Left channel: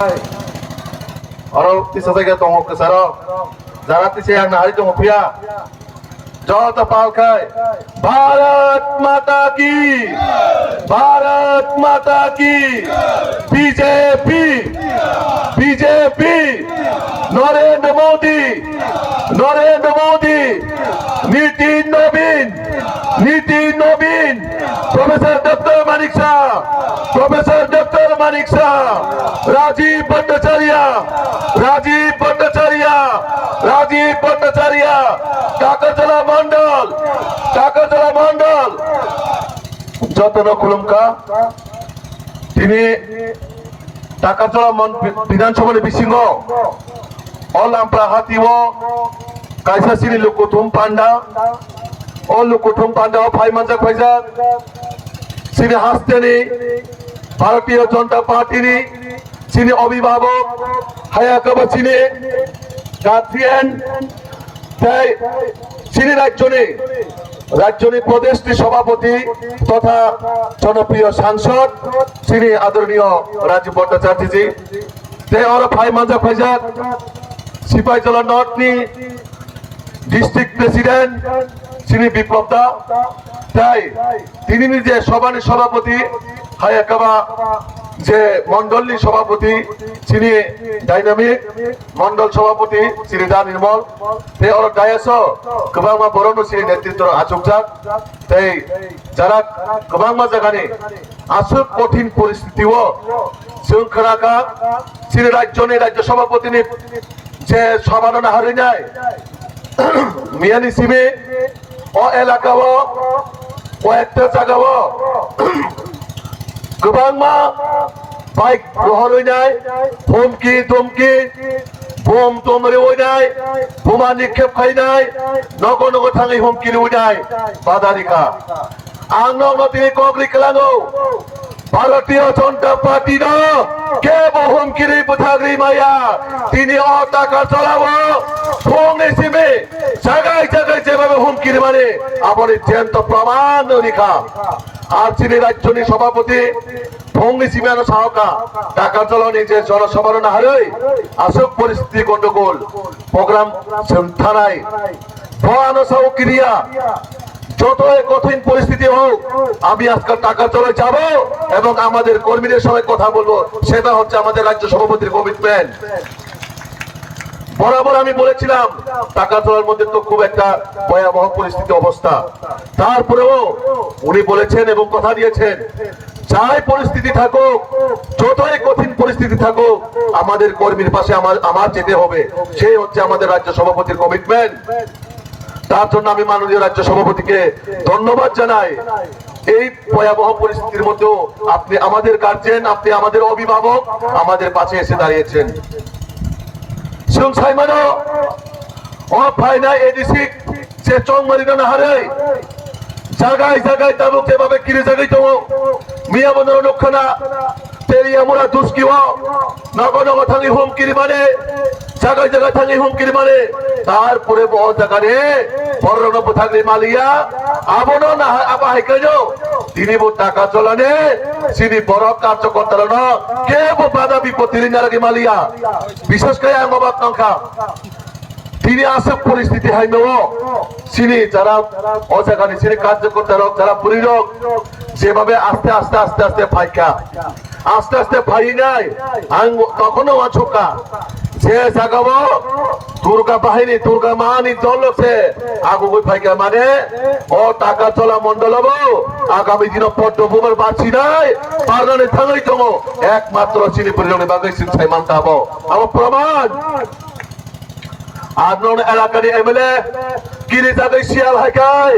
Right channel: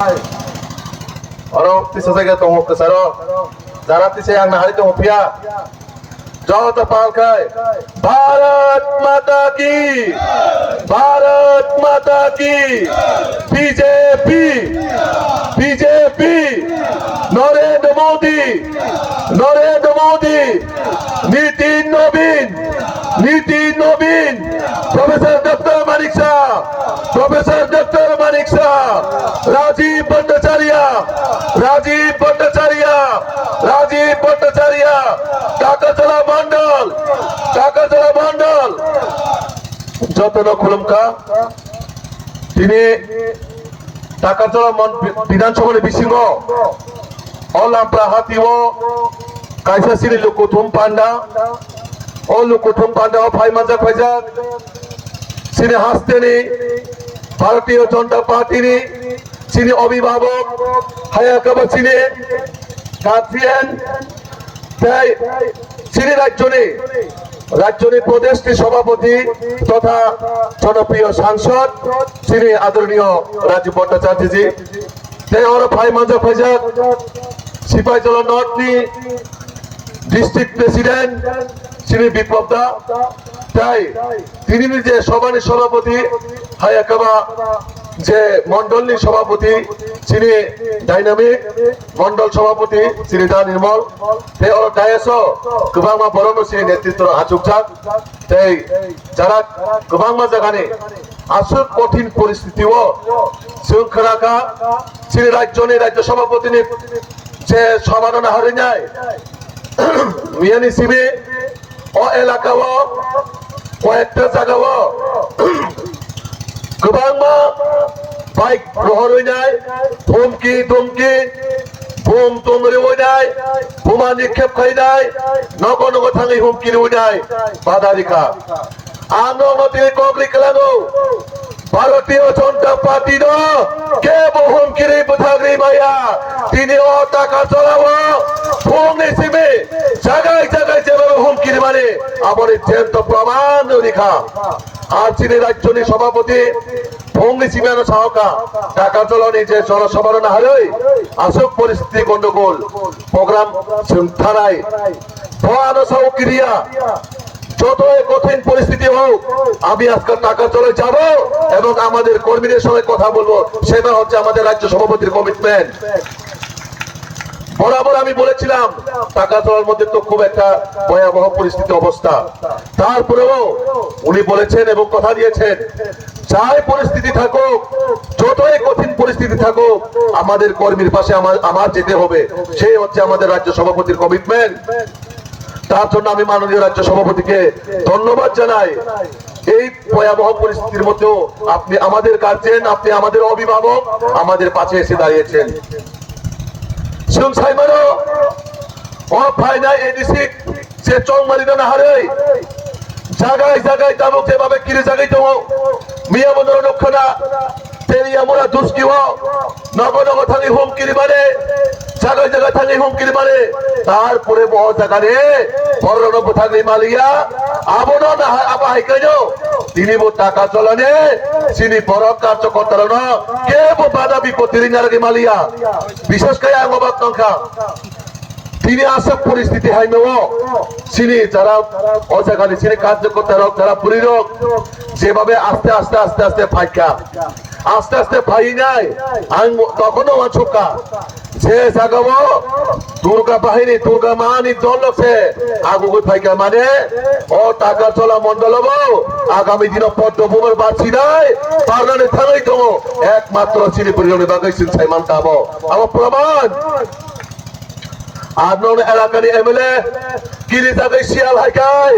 Oro tisa saja tunggu kesaro, jarak tisa yang nahari tunggu pria. Jauh tapal kai. Bharat Mata ki, Bharat Mata ki. BJP, BJP. Narendra Modi, Narendra Modi. Nitin Nobin, Nitin Nobin. Professor Dr. Manik Shah, Professor Dr. Manik Shah. Rajiv Bhattacharya, Rajiv Bhattacharya, Rajiv Bhattacharya. Takatala Mandal, Takatala Mandal. Jatara Kulumka. Tini Takatala Bidanshabha Bisingo. All Ampra Hatiwo. Kaisa Sini Lukutum Panda. All Lukutum Panda. Bhai Manjak Bhaijak. Sini Hasteni. Bharatiya Janata Party ni. Sini Abhibhavak. Hayakaba Sini. Guardian. তাই তিনি রাজ্যনী প্রদেশটি সভাপতি তথা জনপ্রিয় সাংসদ শ্রী আদরণীয় রাজীব ভট্টাচার্যজি তাই আমার ভাই মাজা ফাইজাক সিপাহীজলা নর্থনি ডিস্ট্রিক্ট প্রেসিডেন্ট শ্রী বিপ্লব দা তাই তিনি নিজে সভানি সভাপতি হায়াকাবা যে মন্ডলী সভাপতি শ্রী ডাইনামিক মন্ডল সভাপতি শ্রী দা নির্মল তাই ওর ডায়াস গোबांमा বরণ শ্রী নেতৃত্ব আচুকজাক তাই যারা গোबांमा জায়গানে আসুক কঠিন পরিস্থিতিও শৃঙ্খলাকা শ্রী রাজ্য সভাপতি যে সভানা হারি নাই মিয়ানি সিবি ও এলাকাও কয়েকটা জায়গাও গোबांमा বাইক প্রহর হয়ে যায় হুমকি ধমকি বোম তোমরে হয়ে যায় বোমা নিক্ষেপ খাই যায় নগ নগ থাঙি হুমকি হয়ে যায় বাধা রেখা আঙ্গমতি কগলি কেলানো ভারতীয় জনতা পার্টি না কে হুমকিরি বুথাগরি মায়া তিনি ও টাকা চলাবো ফোন হিসেবে জায়গায় জায়গায় যেভাবে হুমকির মানে আমার জ্যান্ত প্রমাণ রেখা আর তিনি রাজ্যনী সভাপতি ভঙ্গি সিমিয়ানো সাহকা টাকা চলনি যে জনসভার না হারে আসক পরিস্থিতি গন্ডগোল প্রোগ্রাম থানায় ভয়ানো সহক্রিয়া যতই কঠিন পরিস্থিতি হোক আমি আজকাল টাকা চলে যাব এবং আমাদের কর্মীদের সঙ্গে কথা বলবো সেটা হচ্ছে আমাদের রাজ্য সভাপতির কমিটমেন্ট বরাবর আমি বলেছিলাম টাকা তোলার মধ্যে তো খুব একটা ভয়াবহ পরিস্থিতি অবস্থা তারপরেও উনি বলেছেন এবং কথা দিয়েছেন যাই পরিস্থিতি থাকুক যতই কঠিন পরিস্থিতি থাকুক আমাদের কর্মীর পাশে আমার যেতে হবে সেই হচ্ছে আমাদের রাজ্য সভাপতির কমিটমেন্ট তার জন্য আমি মাননীয় রাজ্য সভাপতিকে ধন্যবাদ জানাই এই ভয়াবহ পরিস্থিতির মধ্যেও আপনি আমাদের গার্জেন আপনি আমাদের অভিভাবক আমাদের পাশে এসে দাঁড়িয়েছেন Saimano, all Pina Edisi, Chong Marino Nahare, Zagai Tamu Kebabe Kirizagito, Miyamono Nokana, Teriamura Duskiwa, Nagono Tani Home Kirimane, Zaga Tani Home Kirimane, Tar Purebo Takane, Porono Butani Malia, Abona Abahikajo, Dinibo Takacholane, Sini Poroka Chokotarano, Kebo Badabi Potirina Malia, Bishaskaya Mabatanka. তিনি আসে পরিস্থিতি হাইমেও চিনি যারা অজাগানি চিনি কার্যকর্তা হোক যারা পুরী হোক যেভাবে আস্তে আস্তে আস্তে আস্তে ফাইকা আস্তে আস্তে ফাই নাই তখনও আছোকা যে জাগাব দুর্গা বাহিনী দুর্গা মাহানি দল আছে আগুগুই ফাইকা মানে ও টাকা চলা মন্ডল হবো আগামী দিন পদ্মভূমের বাঁচি নাই বাগানে থাঙাই তো একমাত্র চিনি পরিণামে বাগাইছেন চাই মানতে হবো আমার প্রমাণ আদনন এলাকার এমএলএ কিলি যাবে শিয়াল হাইকাই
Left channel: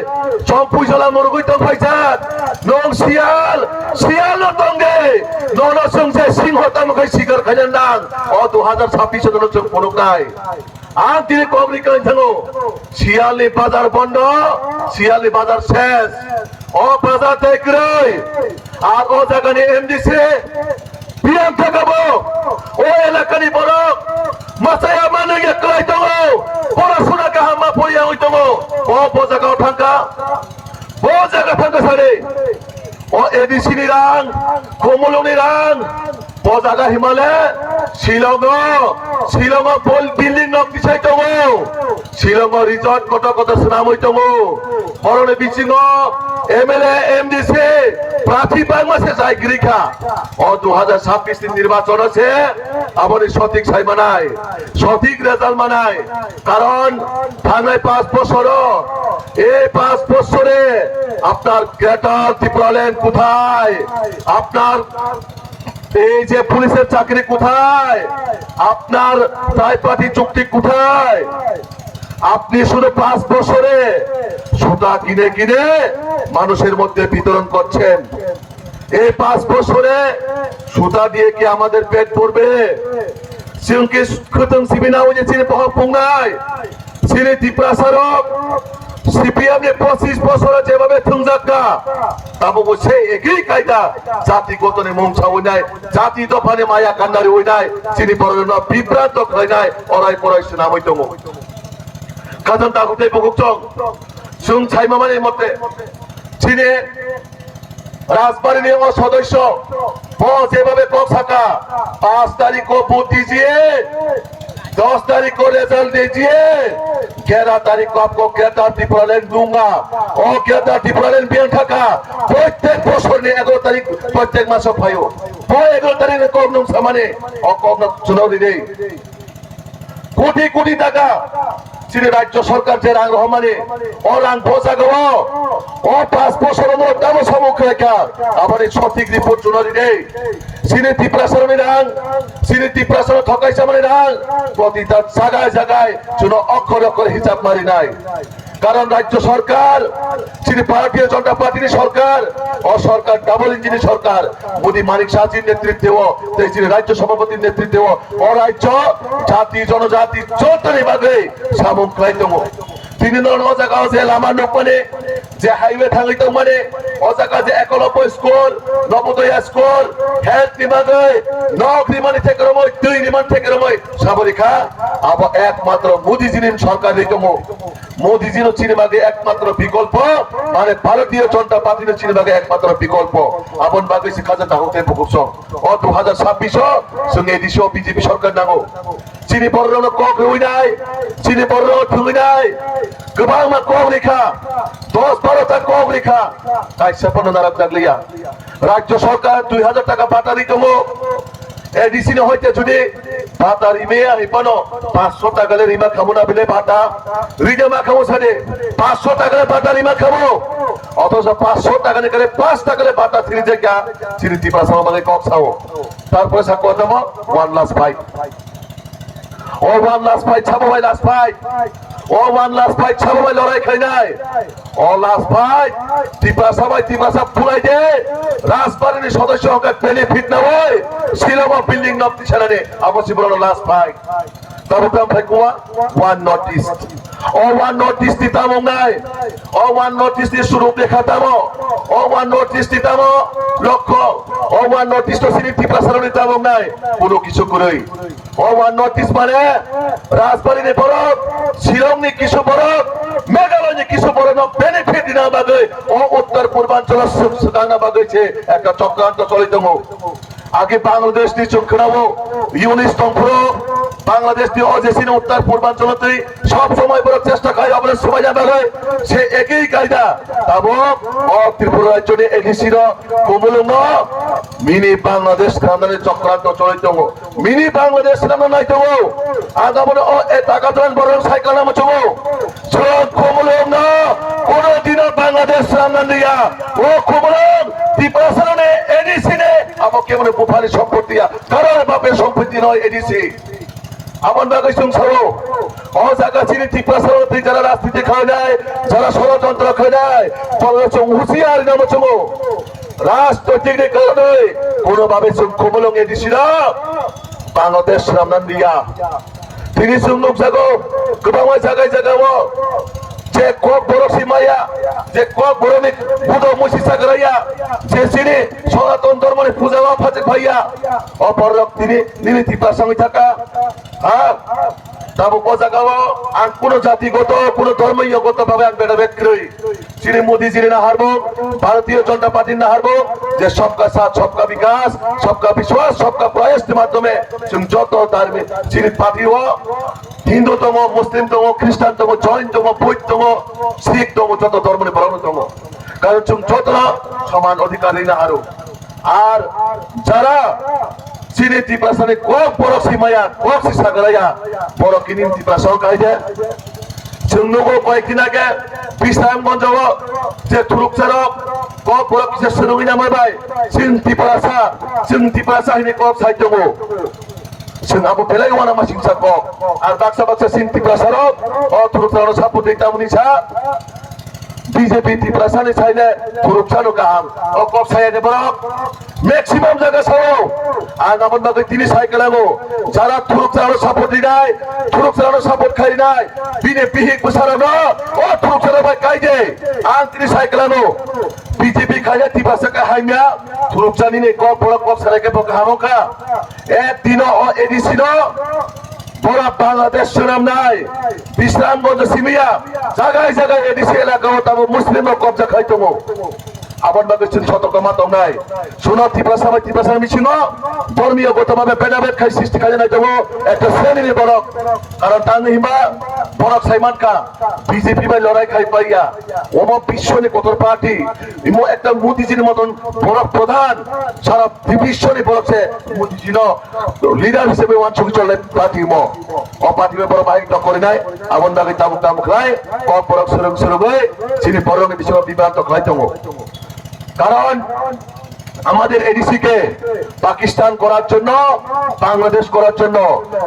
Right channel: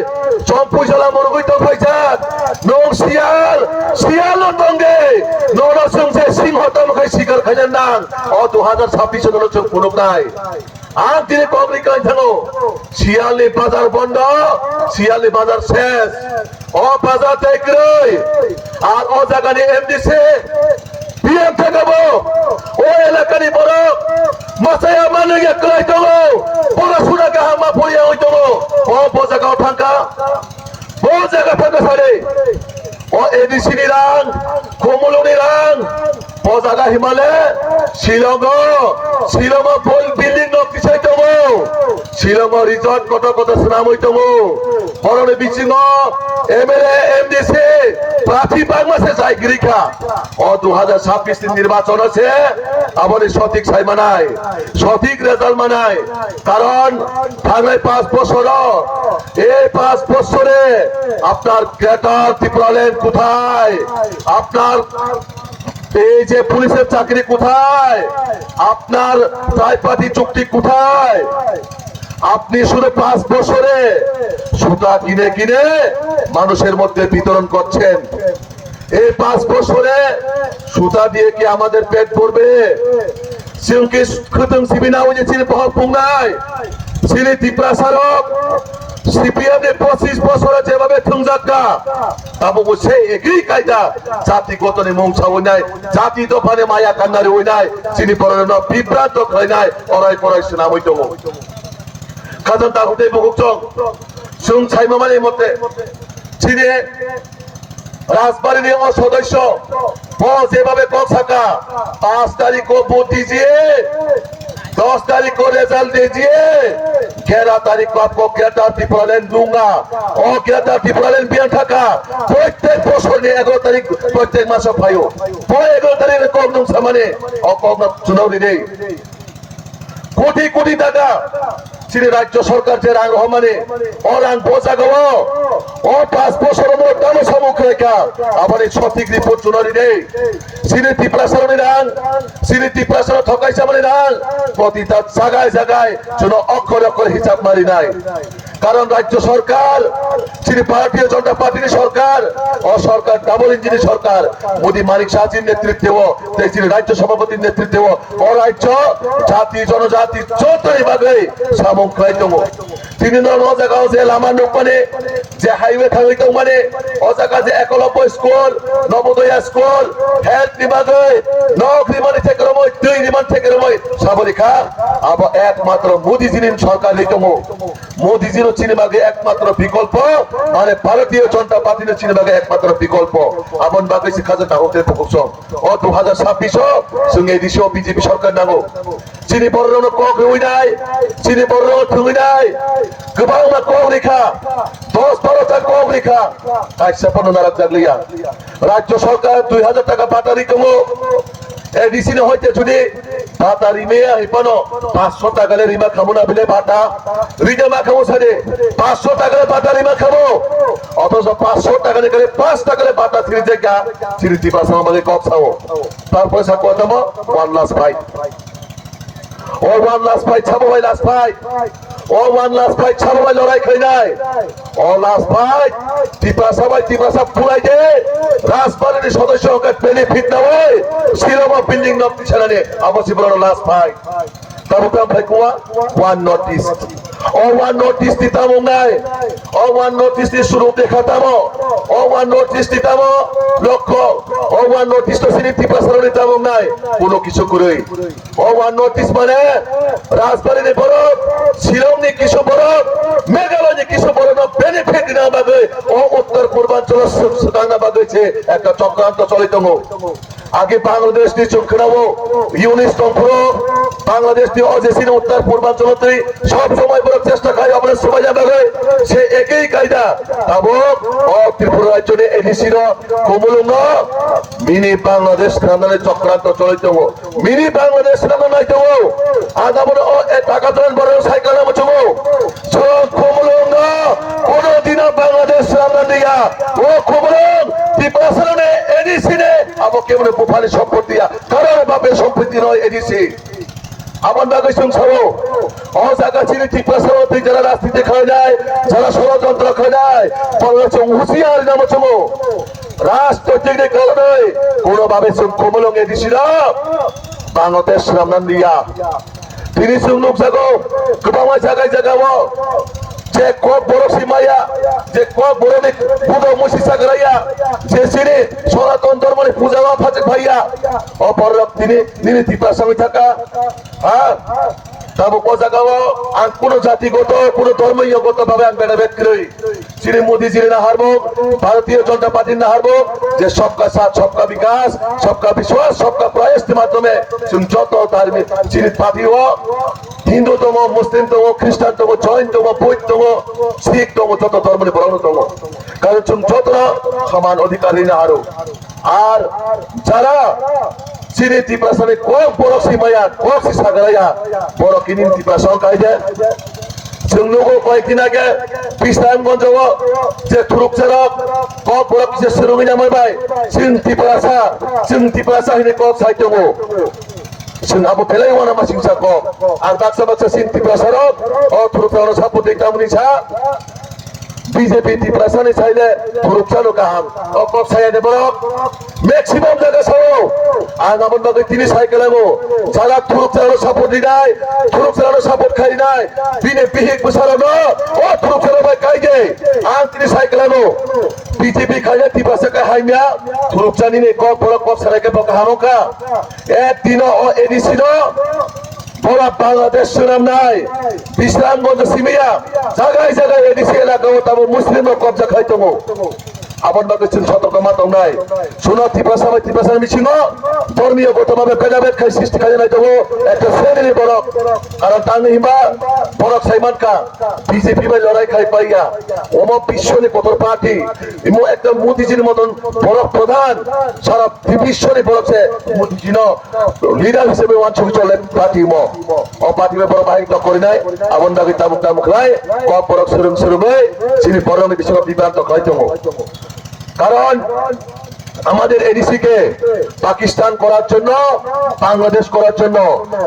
সম্পুজলা মুরগুই তো ফাইজাত নং শিয়াল তঙ্গে নরা সংসে সিংহতাম কই শিকার খাজান দাং ও 2026 এর নতুন পুনক নাই আর দিনে কবরিকান থানো শিয়ালি বাজার বন্ধ শিয়ালি বাজার শেষ ও বাজার দেখরই আর ও জায়গায় এমডিসি বিএম থাকবো ও এলাকারই বড় মাসায়া মানে একলাই তো পড়াশোনা কাহামা পড়িয়া হইতো ও বোজাগা ঠাঙ্কা সারে ও এডিসি নিরাং কোমলনি রাং বোজাগা হিমালে শিলং বিল্ডিং নক্তি চাইতো শিলং রিজর্ট কত কত সুনাম হইতো হরণে বিচিং এমএলএ এমডিসি প্রার্থী বাংলাদেশে চাই গিরিখা ও 2026 নির্বাচন আছে আবার সঠিক ছাই মানায় সঠিক রেজাল্ট মানায় কারণ বাংলায় 5 বছর এই 5 বছরে আপনার ক্রেটার ত্রিপুরাল্যান্ড কোথায় আপনার এই যে পুলিশের চাকরি কোথায় আপনার ট্রাইপার্টি চুক্তি কোথায় আপনি শুধু 5 বছরে সুতা কিনে কিনে মানুষের মধ্যে বিতরণ করছেন এই 5 বছরে সুতা দিয়ে কি আমাদের পেট ভরবে সিংকি খুতুম সিবিনা ওই চিনি পহপুঙ্গাই চিনি ত্রিপুরাসারক সিপিএম 25 বছরে যেভাবে থুংজাক্কা তাবো সেই একই কায়দা জাতি গতনে মংসা হই নাই জাতি দফানে মায়া কান্নারি হই নাই চিনি পরন বিভ্রান্ত হই নাই অরাই পরাই সুনাম হইতো কাজন তাগুতে বগুচং সুং ছাইমামানের মধ্যে চিনি রাজবাড়ির সদস্য যেভাবে কথা 5 तारीख को वोट दीजिए 10 तारीख को रिजल्ट दीजिए 11 तारीख को आपको ग्रेटर ত্রিপুরাল্যান্ড दूंगा और ग्रेटर ত্রিপুরাল্যান্ড বিয়ান থাকা প্রত্যেক বছর 11 তারিখ প্রত্যেক মাসে পাইও 11 তারিখে কম সামনে ও কম চুনাও দিলে কোটি কোটি টাকা চিনি রাজ্য সরকার যে রাং রহমানে ও রাং বোঝাগো ও 5 বছরের মধ্যে দাম সমুখ রেখা আবার এই সঠিক রিপোর্ট চুনারি দেই চিনি ত্রিপুরাসারণী রাং চিনি ত্রিপুরাসারণ ঠকাই সামনে রাং প্রতিটা জায়গায় জায়গায় চুনো অক্ষর অক্ষর হিসাব মারি নাই কারণ রাজ্য সরকার চিনি ভারতীয় জনতা পার্টির সরকার ও সরকার ডাবল ইঞ্জিন সরকার মোদী মানিক শাহজির নেতৃত্বে চিনি রাজ্য সভাপতির নেতৃত্বে ও রাজ্য জাতি জনজাতি চৌধুরী ভাগে সামুখ খাইতম তিনি জায়গা যে লামা মানে যে হাইওয়ে থাঙিত মানে ও জায়গা যে Eklavya school Navodaya school health বিভাগে নক নিমানি থেকে রময় দুই নিমান থেকে রময় সাবরিকা আবার একমাত্র মোদীজির সরকার হইতম মোদীজির চিনিবাগে একমাত্র বিকল্প মানে ভারতীয় জনতা পার্টির চিনিবাগে একমাত্র বিকল্প আপন বাগে শিক্ষা হতে পকুছ ও 2026 সঙ্গে এদিশে বিজেপি সরকার নাগো চিনি বড় কক হই নাই চিনি বড় ঠুই নাই গোবাং কক রেখা 10-12টা কক রেখা আইসাপন নারাজ জাগলিয়া রাজ্য সরকার 2000 টাকা ভাতা দিতম এডিসি হইতে যদি ভাতা রিমে আইপানো 500 টাকা রিমা খাবো না বলে ভাতা রিজমা খাবো সাথে 500 টাকা ভাতা রিমা খাবো অথচ 500 টাকা করে 5 টাকা ভাতা ছিড়ে যা চিরিতি পাশা আমাদের কক খাও তারপরে সা কত 1 লাখ ভাই ও 1 লাখ ভাই ছাবো ভাই লাখ ভাই ও 1 লাখ ভাই ছাবো ভাই লড়াই খাই নাই ও লাখ ভাই টিপাসা পুরাই দে রাজবাড়ির সদস্য হকে বেনিফিট না হয় শিলং বিল্ডিং নক্তি ছাড়ানে আবশ্যক বড় লাখ ভাই তবে তো ভাই কোয়া 1 নোটিস ও 1 নোটিস দিতাম নাই ও 1 নোটিস দিয়ে শুরু দেখাতাম ও 1 নোটিস দিতাম লক্ষ্য ও 1 নোটিস তো সিনি টিপাসার দিতাম নাই কোনো কিছু করেই ও 1 নোটিস মানে রাজবাড়ির বড় শিলং নি কিছু বড় মেঘালয় নি কিছু বড় বেনিফিট না বাগে ও উত্তর পূর্বাঞ্চল সুদানা বাগেছে একটা চক্রান্ত চলিত আগে বাংলাদেশ নি চুমখানাবো ইউনিস তম্ফুরো বাংলাদেশ নি অজেসিন উত্তর পূর্বাঞ্চলতে সব সময় বড় চেষ্টা খাই আপনার সময় যাবে সে একই কায়দা এবং ও ত্রিপুরা রাজ্যে এডিসির কমলুঙ্গ মিনি বাংলাদেশ থানারে চক্রান্ত চলিত মিনি বাংলাদেশ নাম নাইতো আগামী ও এ টাকা তোলান বড় সাইকেল নাম চমো কমলুঙ্গ কোন দিন বাংলাদেশ রান্না দিয়া ও কমলুঙ্গ ত্রিপুরা সারণে এডিসি নে আবো কেমন বুফালি সম্পত্তি কারণ বাপের সম্পত্তি নয় এডিসি আমার বাগে শুনছো ও জায়গা চিনি ত্রিপুরা সারণে যারা রাজনীতি খাওয়া যায় যারা ষড়যন্ত্র খাওয়া যায় হুঁশিয়ার নাম চমো রাজনৈতিক কারণে কোনোভাবে কমলুঙ্গ এডিসি না বাংলাদেশ রান্না দিয়া তিনি সুন্দর জাগো গোটাম জায়গায় জাগাবো যে কক বড় সীমাইয়া যে কক বড় পুজো মসিসা করাইয়া যে সিনে সনাতন ধর্মের পূজা ফাতে ভাইয়া অপর তিনি ত্রিপুরা সঙ্গে থাকা তাবো জায়গাও আর কোন জাতিগত কোন ধর্মীয়গত ভাবে বেড়া ব্যক্তি রই শ্রী মোদীজির না হারবো ভারতীয় জনতা পার্টির না হারবো যে সবকা সাথ সবকা বিকাশ সবকা বিশ্বাস সবকা প্রয়াসের মাধ্যমে যত ধার্মিক যিনি পার্টিও হিন্দুতম মুসলিমতম খ্রিস্টানতম জৈনতম বৌদ্ধতম শিখতম যত ধর্মের বরণতম কারণ যত সমান অধিকারী না হারো আর যারা চিনি টিপ্রাসনে কক বড় সীমায়া কক সিসাগায়া বড় কিনিন টিপ্রাসন কাইদে जों लोगों कয়েকদিন আগে বিশ্রামগঞ্জ যে থুরুকচারক কক বড় কিছু সুরুঙি নামাবাই जों टिप्रासा हिने কক साहित्य जों आबो बेलाय वाना मा सिंसा কক আর বাক্সা বাক্সা जों टिप्रासारक अ थुरुकचारक सापो देखतामनि सा बीजेपी टिप्रासानि साइने थुरुकचारक गाहाम अ কক साइने बरक मैक्सिमाम জায়গা সহ আর আমার বাগে তিনি সাইকেলামো যারা থুরুক চালানো সাপোর্ট দিনাই থুরুক চালানো সাপোর্ট খাই নাই বিনে বিহিক বসারানো ও থুরুক চালানো ভাই কাইদে আর তিনি সাইকেলামো বিজেপি খাইলে টিপাসাকা হাইমিয়া থুরুক চালিনে কক বড় কক সারাকে বকা হামকা একদিন ও এডিসি ন বড় বাংলাদেশ সুনাম নাই বিশ্রামগঞ্জ সিমিয়া জায়গায় জায়গায় এডিসি এলাকাও তাবো মুসলিম কবজা খাইতমো আবার বাকি সতর্ক মাতাও নাই শোনা টিপাসা মিছিল ধর্মীয়গতভাবে ভেদাভেদ খাই সৃষ্টি কাজে নাই তবু একটা শ্রেণীর বরক কারণ তার হিমা বরক সাইমানকা বিজেপি ভাই লড়াই খাই পাইয়া ওম বিশ্বনি কত পার্টি ইমো একটা মোদিজির মতন বরক প্রধান সারা বিশ্বনি বরকছে মোদিজি লিডার হিসেবে ওয়ান ছবি চলে পার্টি মো ও পার্টি বড় বাইক করে নাই আবার বাকি তামুক তামুক নাই কপ বরক সুরং সুরঙ্গে যিনি বরণে বিশ্ব বিভ্রান্ত খাইতমো কারণ আমাদের এডিসি কে পাকিস্তান করার জন্য বাংলাদেশ করার জন্য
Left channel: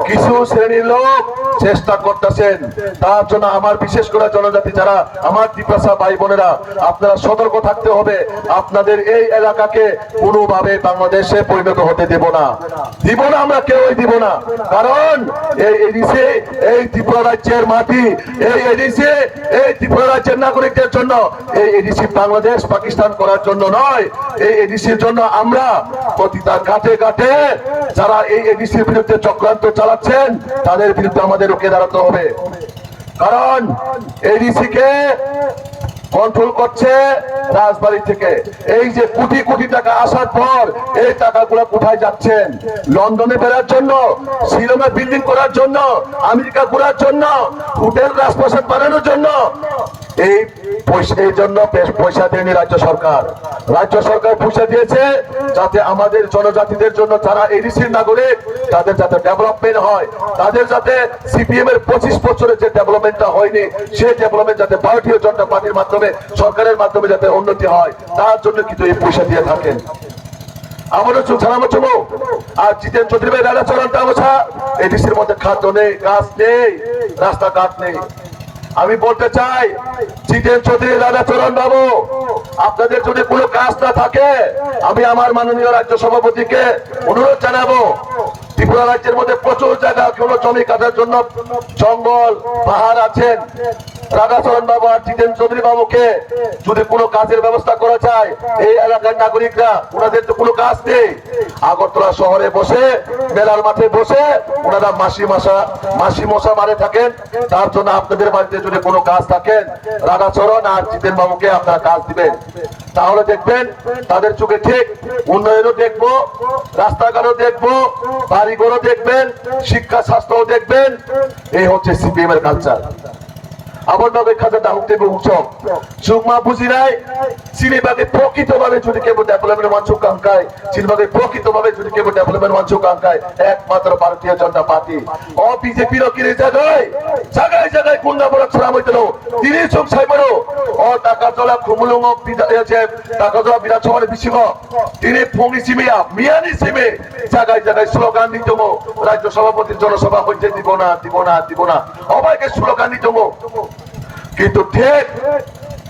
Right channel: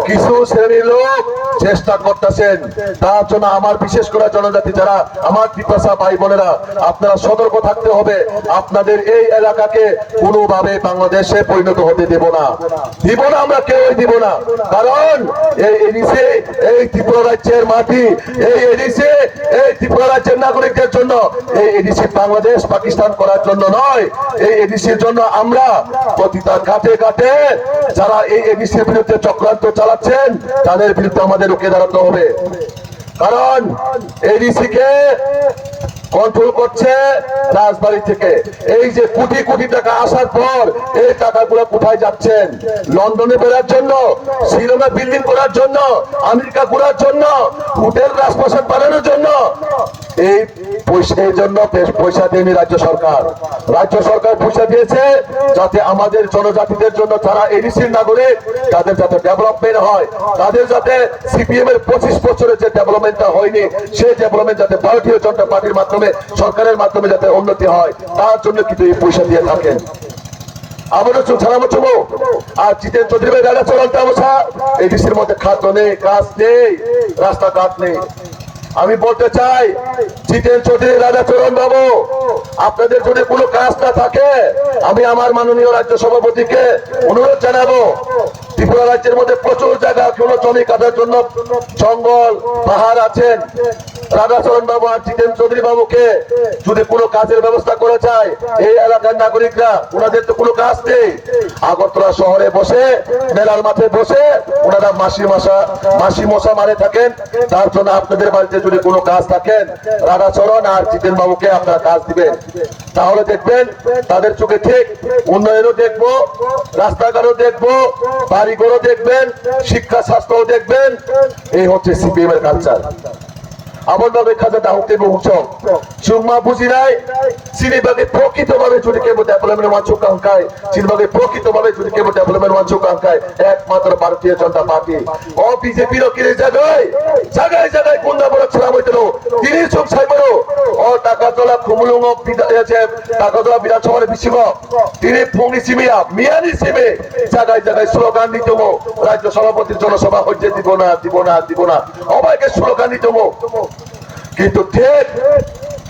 কিছু শ্রেণীর লোক চেষ্টা করতেছেন তার জন্য আমার বিশেষ করে জনজাতি যারা আমার টিপ্রাসা ভাই বোনেরা আপনারা সতর্ক থাকতে হবে আপনাদের এই এলাকাকে কোনোভাবে বাংলাদেশে পরিণত হতে দেব না আমরা কেউই দিব না কারণ এই এডিসি এই ত্রিপুরা রাজ্যের মাটি এই এডিসি এই ত্রিপুরা রাজ্যের নাগরিকদের জন্য এই এডিসি বাংলাদেশ পাকিস্তান করার জন্য নয় এই এডিসির জন্য আমরা প্রতিটা ঘাটে ঘাটে যারা এই এডিসির বিরুদ্ধে চক্রান্ত চালাচ্ছেন তাদের বিরুদ্ধে আমাদের রুখে দাঁড়াতে হবে কারণ এডিসি কে কন্ট্রোল করছে রাজবাড়ি থেকে এই যে কোটি কোটি টাকা আসার পর এই টাকাগুলো কোথায় যাচ্ছেন লন্ডনে বেরার জন্য শিলংয়ে বিল্ডিং করার জন্য আমেরিকা ঘোরার জন্য হোটেল রাজপ্রাসাদ বানানোর জন্য এই পয়সার জন্য পয়সা দেয়নি রাজ্য সরকার পয়সা দিয়েছে যাতে আমাদের জনজাতিদের জন্য যারা এডিসির নাগরিক তাদের যাতে ডেভেলপমেন্ট হয় তাদের যাতে সিপিএম এর 25 বছরের যে ডেভেলপমেন্টটা হয়নি সেই ডেভেলপমেন্ট যাতে ভারতীয় জনতা পার্টির মাধ্যমে সরকারের মাধ্যমে যাতে উন্নতি হয় তার জন্য কিন্তু এই পয়সা দিয়ে থাকেন আমাদের ছাড়াবো চুমো আর জিতেন চৌধুরী ভাই দাদা চলন্ত অবস্থা এডিসির মধ্যে খাদ্য নেই গাছ নেই রাস্তাঘাট নেই আমি বলতে চাই জিতেন চৌধুরী দাদা চরণ বাবু আপনাদের যদি কোনো কাজ না থাকে আমি আমার মাননীয় রাজ্য সভাপতিকে অনুরোধ জানাবো ত্রিপুরা রাজ্যের মধ্যে প্রচুর জায়গা কোনো জমি কাটার জন্য জঙ্গল পাহাড় আছেন রাধাচরণ বাবু আর জিতেন চৌধুরী বাবুকে যদি কোনো কাজের ব্যবস্থা করা যায় এই এলাকার নাগরিকরা ওনাদের তো কোনো কাজ নেই আগরতলা শহরে বসে মেলার মাঠে বসে ওনারা মাসি মশা মারে থাকেন তার জন্য আপনাদের বাড়িতে যদি কোনো কাজ থাকেন রাধাচরণ আর জিতেন বাবুকে আপনারা কাজ দিবেন তাহলে দেখবেন তাদের চোখে ঠিক উন্নয়নও দেখবো রাস্তাঘাটও দেখবো বাড়িঘরও দেখবেন শিক্ষা স্বাস্থ্যও দেখবেন এই হচ্ছে সিপিএম এর কালচার আবার ভাবে খাজা দাহুতে বহুসব চুমা বুঝি নাই সিনেবাগে প্রকৃতভাবে যদি কেবল ডেভেলপমেন্ট মঞ্চ কাঙ্কায় সিনেবাগে প্রকৃতভাবে যদি কেবল ডেভেলপমেন্ট মঞ্চ কাঙ্কায় একমাত্র ভারতীয় জনতা পার্টি ও বিজেপির কিনে জায়গায় জায়গায় জায়গায় গুন্ডা বড় ছিলাম হইতেন তিনি চোখ সাইবারও ও টাকা তোলা খুমুলুম টাকা তোলা বিধানসভার বিশিব তিনি ফোনি সিমিয়া মিয়ানি সিমে জায়গায় জায়গায় স্লোগান দিতম রাজ্য সভাপতির জনসভা হইতে দিব না দিব না দিব না অবাইকে স্লোগান দিতম কিন্তু ঠিক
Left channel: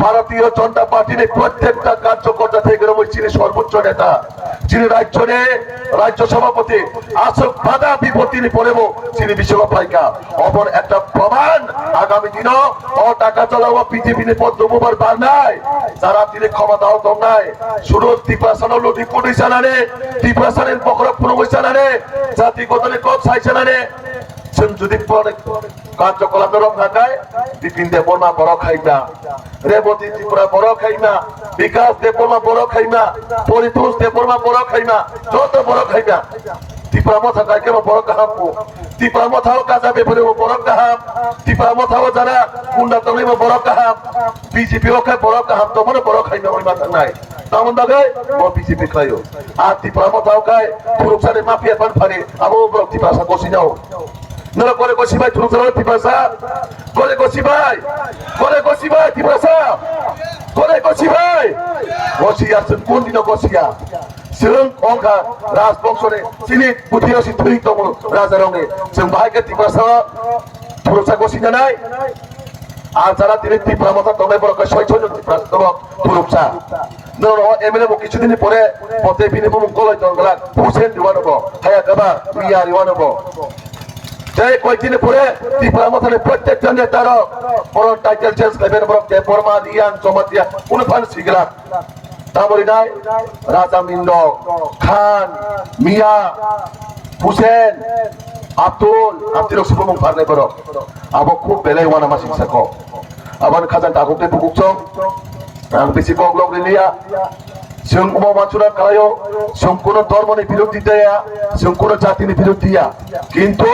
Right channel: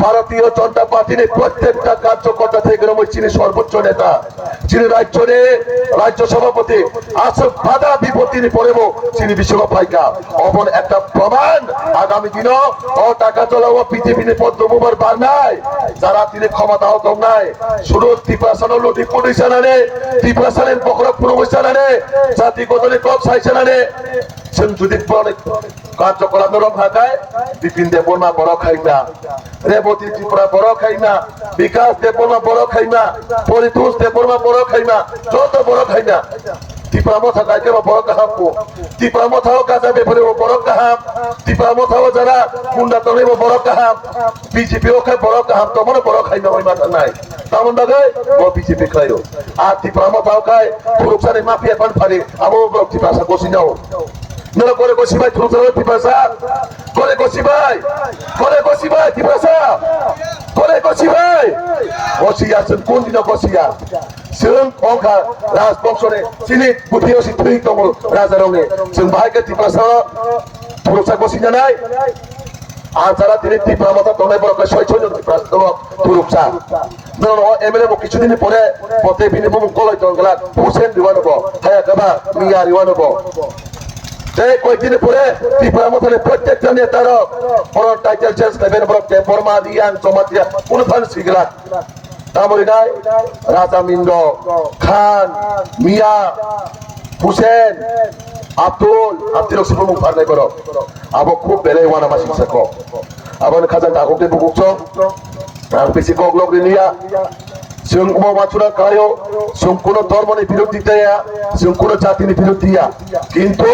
ভারতীয় জনতা পার্টির প্রত্যেকটা কার্যকর্তা থেকে যিনি সর্বোচ্চ নেতা যিনি রাজ্য সভাপতি আসল বাধা বিপত্তি পড়েব তিনি বিশ্বকাপ ফাইকা অবন একটা প্রমাণ আগামী দিন ও টাকা চলাবো বিজেপি পদ্মবার বার নাই যারা তিনি ক্ষমতা হতো নাই শুধু ত্রিপুরাসানো লুটি পুলিশা নানে ত্রিপুরাসানের পকর পুনমৈশা নানে জাতিগতনে কক সাইসা নানে जों जुदि কার্যকলাপ ভাগায় বিপিন দেববর্মা বড় খাইমা রেবতী ত্রিপুরা বড় খাইমা বিকাশ দেববর্মা বড় খাইমা পরিতোষ দেববর্মা বড় খাইমা যত বড় খাইমা ত্রিপুরা মথা গাইকে বড় কাহামো ত্রিপুরা মথাও কাজা বেপরে বড় কাহাম ত্রিপুরা মথাও যারা কুন্ডা তলে বড় কাহাম বিজেপি ও খায় বড় কাহাম তোমার বড় খাইমা ওই মাথা নাই তামন বাগে ও বিজেপি খাইও আর ত্রিপুরা মথাও খায় পুরুষারে মাফিয়া পান ফারে আবো ত্রিপুরা বসি যাও নরা করে কষি ভাই তুলতে ত্রিপুরা করে কষি ভাই ত্রিপুরা করে কষি ভাই বসিয়া কোন দিন বসিয়া जों अंका राजबंशने सिनि बुद्धियासि थुइ दङ राजा रंगे जों बाहायके त्रिपुरा पुरुषा गसि जानाय আর যারা তিনি ত্রিপুরা মতো দমে বড় ৬০০ জন ত্রিপুরা দল পুরুষা নন এমএলএ মো কিছুদিন পরে পথে বিনে মুখ গলাই দংলা হুসেন দিওয়ানব হায়া গাবা মিয়া দিওয়ানব যে কয়েকদিন পরে ত্রিপুরা মতো প্রত্যেকটা নেতার বড় টাইটেল চেঞ্জ করবেন বড় বর্মা দিয়ান চমাতিয়া কোন ফান সিগরা তামরিনায় রাজা মিন্দ খান মিয়া হুসেন আব্দুল সুবমুখ ফারনাই বড় আবো খুব বেলে ওয়ানা মাসি সাকো আবন খাজান তাকুতে বুকুকচং আং বেশি গগলগ লিয়া जों अमा मानसुरा कायो जों कोनो धर्मनि बिरोधिताया जों कोनो जातिनि बिरोधिया किन्तु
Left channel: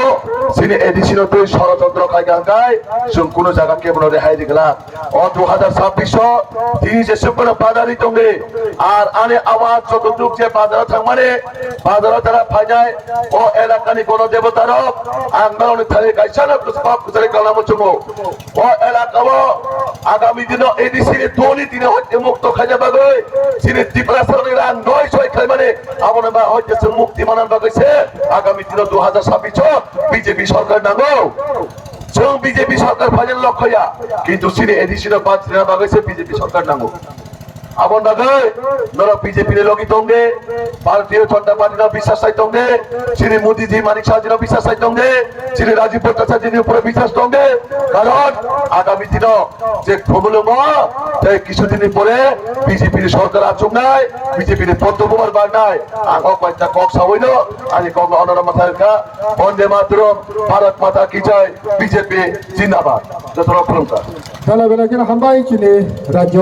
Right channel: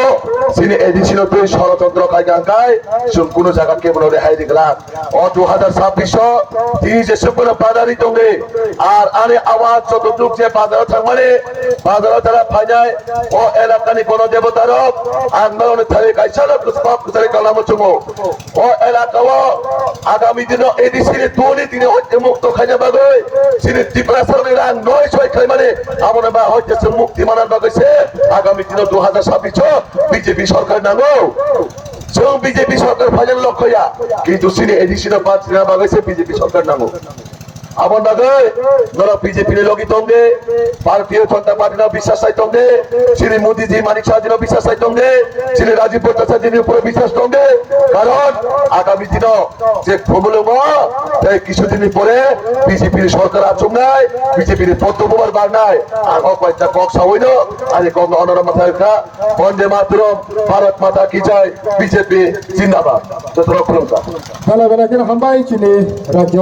सिनि एडिशनल तो षড়যন্ত্র कायगांगाय जों कोनो जायगा केबल रेहाय दिगला ओ 2026 তিনি যে সুপনা বাদারি দঙ্গে আর আনে আওয়াজ যতটুক যে বাজারে থাকমানে বাজারে তারা ফাইনায় ও এলাকানি কোন দেবতার আন্দোলন থাকে কাইছানা পুষ্পক করে গলাম চুমো ও এলাকাও আগামী দিন এডিসির তোনি দিনে হতে মুক্ত খাজা বাগে সিনি ত্রিপুরাসানের নয় ছয় খাইমানে আমরা বা হইতেছে মুক্তি মানার বাগেছে আগামী দিন 2026 বিজেপি সরকার নাঙ্গো जों বিজেপি সরকার ফাইনাল লক্ষ্যয়া কিন্তু সিনি এডিশন বাজনা বাগেছে বিজেপি সরকার নাঙ্গো আবন বাগে নর বিজেপি রে লগি তঙ্গে ভারতীয় জনতা পার্টি না বিশ্বাস চাই তঙ্গে শ্রী মোদি জি মানিক শাহজি বিশ্বাস চাই তঙ্গে শ্রী রাজীব প্রতাপ জির উপরে বিশ্বাস তঙ্গে কারণ আগামী দিন যে খবলম তাই কিছুদিন পরে বিজেপির সরকার আচুম নাই বিজেপির পদ্মকুমার বার নাই আগো কয়টা কক সাইল আর কক অনরা মাথাকা বন্দে মাতরম ভারত মাতা কি জয় বিজেপি জিন্দাবাদ যত রকম ভালো করে হামবাই চিনি রাজ্য